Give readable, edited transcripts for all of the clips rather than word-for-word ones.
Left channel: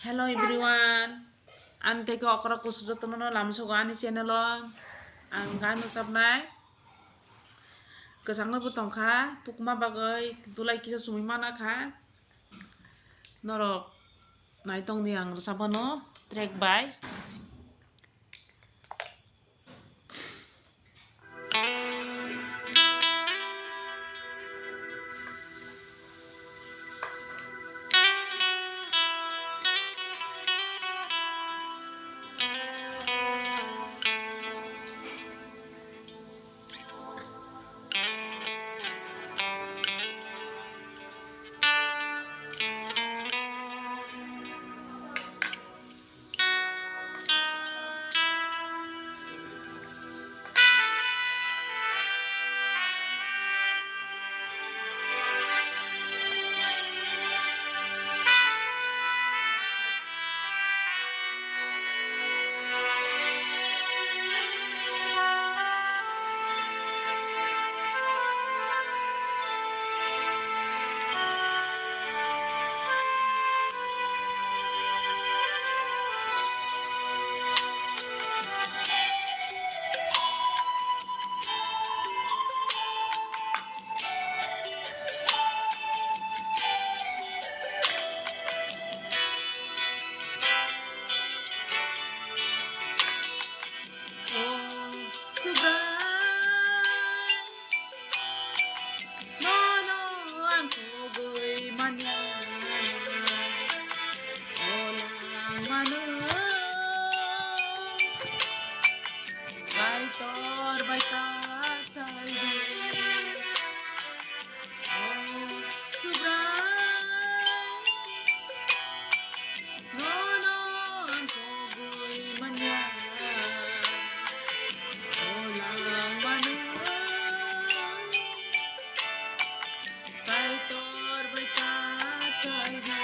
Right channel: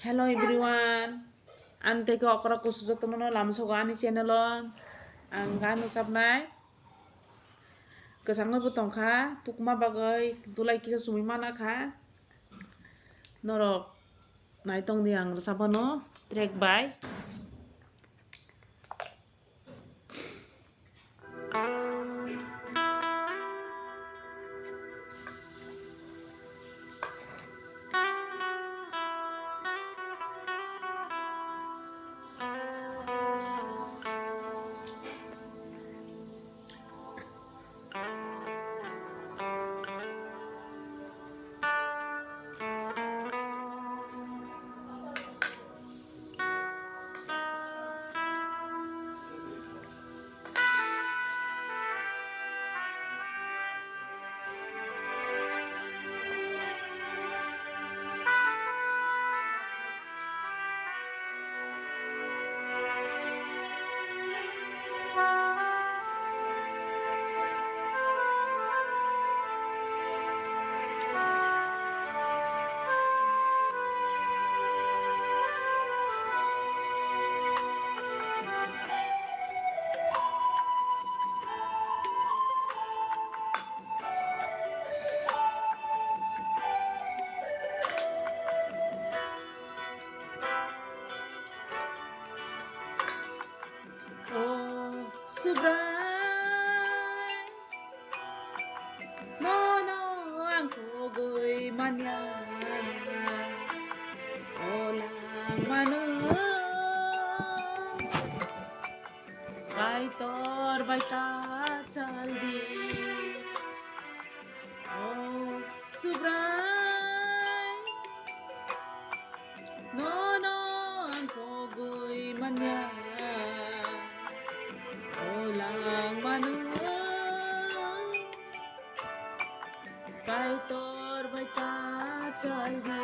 Hello everyone. Ante ko okra kusujo temen lamso ko ani channelon. Ang gano sabnai. Kesangno butong kha tukma bagai dulai kisa sumi mana kha. Norok naitong ni ang sabano track by. Oh, subray. No, no, ang kugoy manyan. Olang manu. Baitor baita chaldi. Oh, subray. No, no, ang kugoy manyan. Olang manu. Baitor baita chaldi.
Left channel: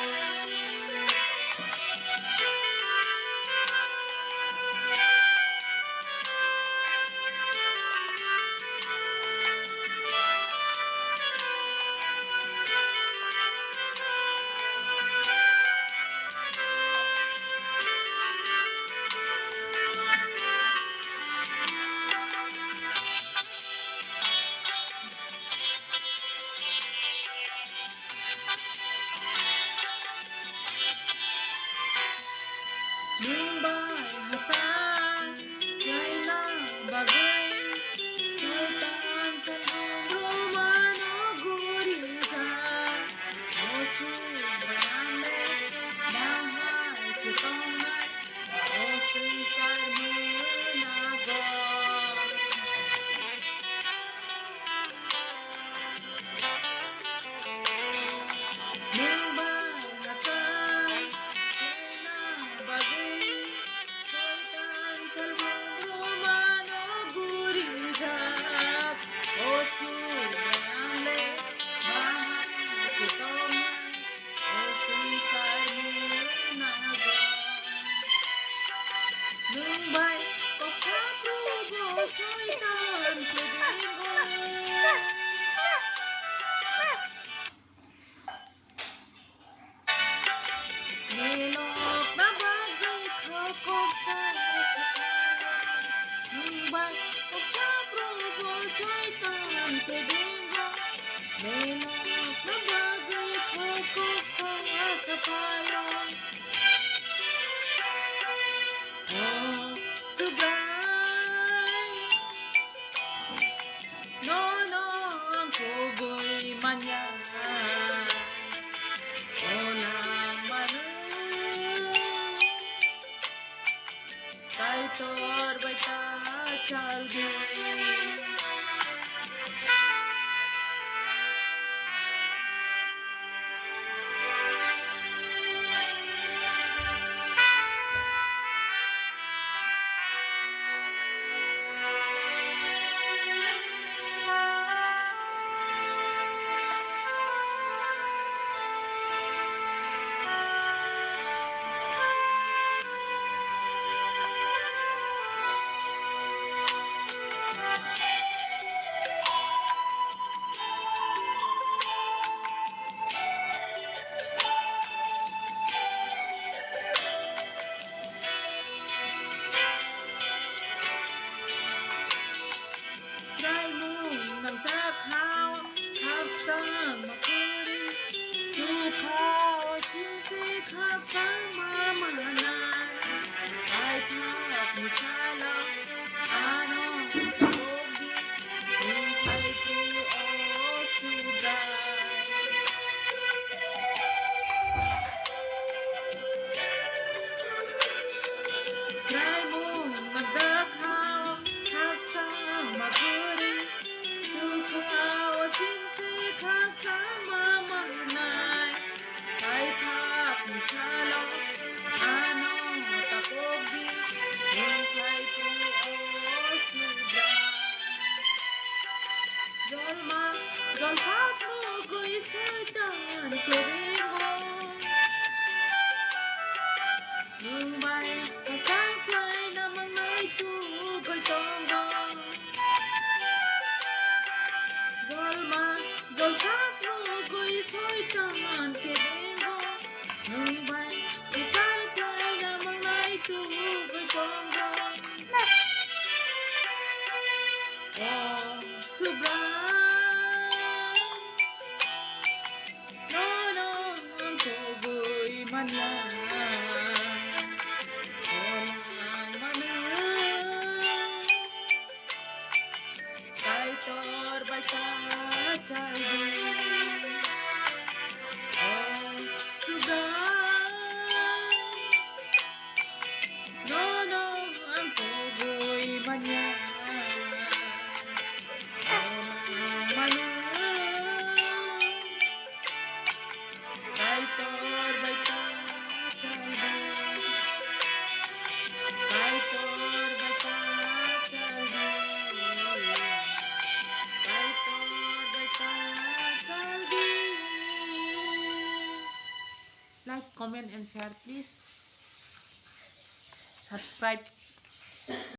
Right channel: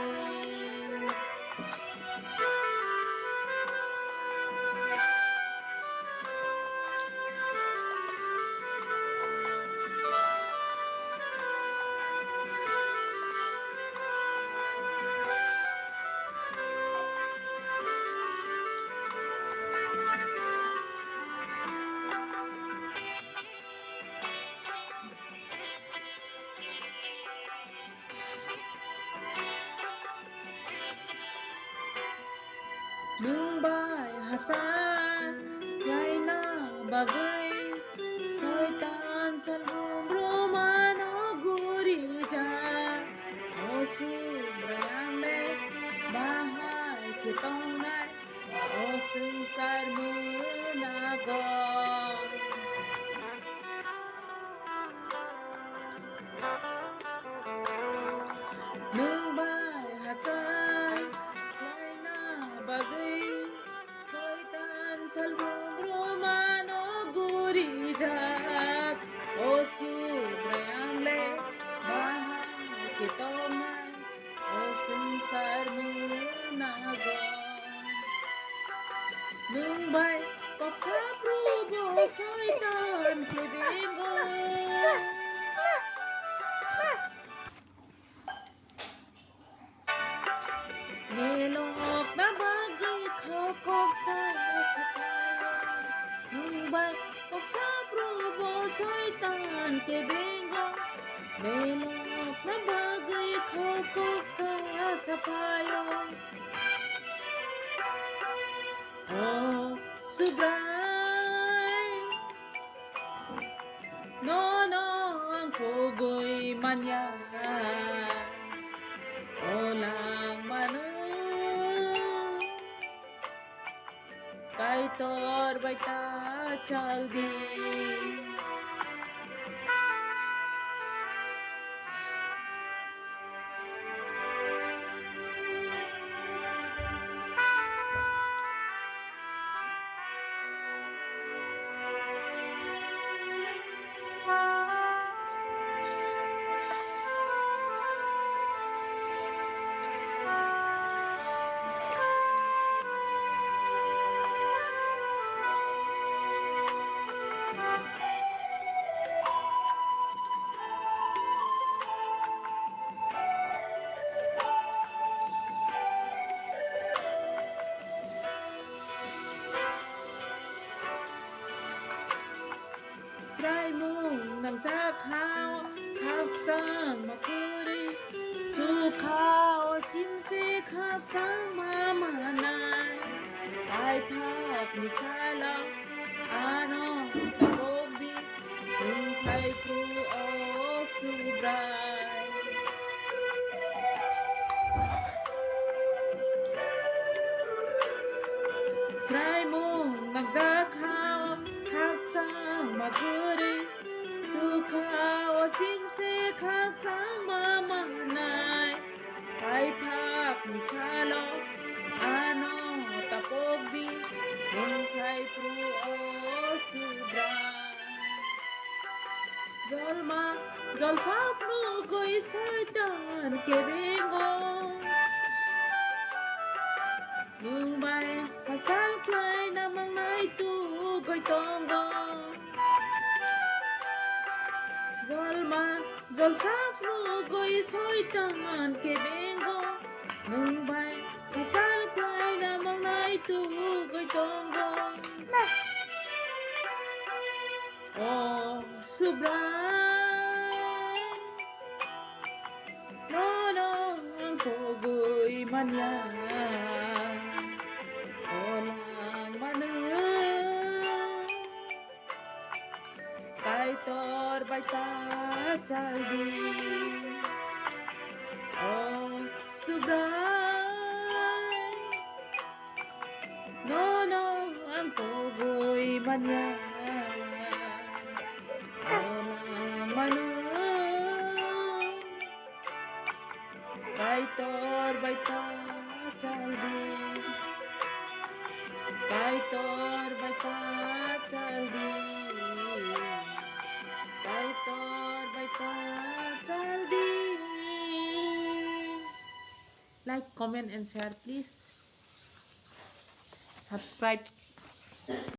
Mumbai Hasan Yaina Bagai Sultan Salham Romano Gurija Osu Brayame Mahai Chitongai Osu Sarmunago Mumbai Hasan Yaina Bagai Sultan Salham Romano Gurija Osu Brayame Mahai Chitongai Osu Sarmunago Mumbai Koksa Prubo Soitan Kedego Nilok na bagay kakok sa sakayan Mumbai Koksa Prubo Soitan Kedego Nilok na bagay kakok sa sakayan Oh, subray No, no, ang kugoy manyan Olang manu Kaitor baita chaldi Rồi pháp nụ cười soi tàn kề bên ngô ngừng bay và sáng play na mang nay tu coi tông gò rồi pháp nụ cười soi tàn kề bên ngô ngừng bay và sáng play na mang nay tu coi tông gò oh subra ang ko'y manya Olang manung Kay tor baita chaldi Oh sugay ang ko'y manya Olang manung Kaitor baita chaldi Kaitor baita chaldi Kaitor baita chaldi Like, comment and share please. Subscribe.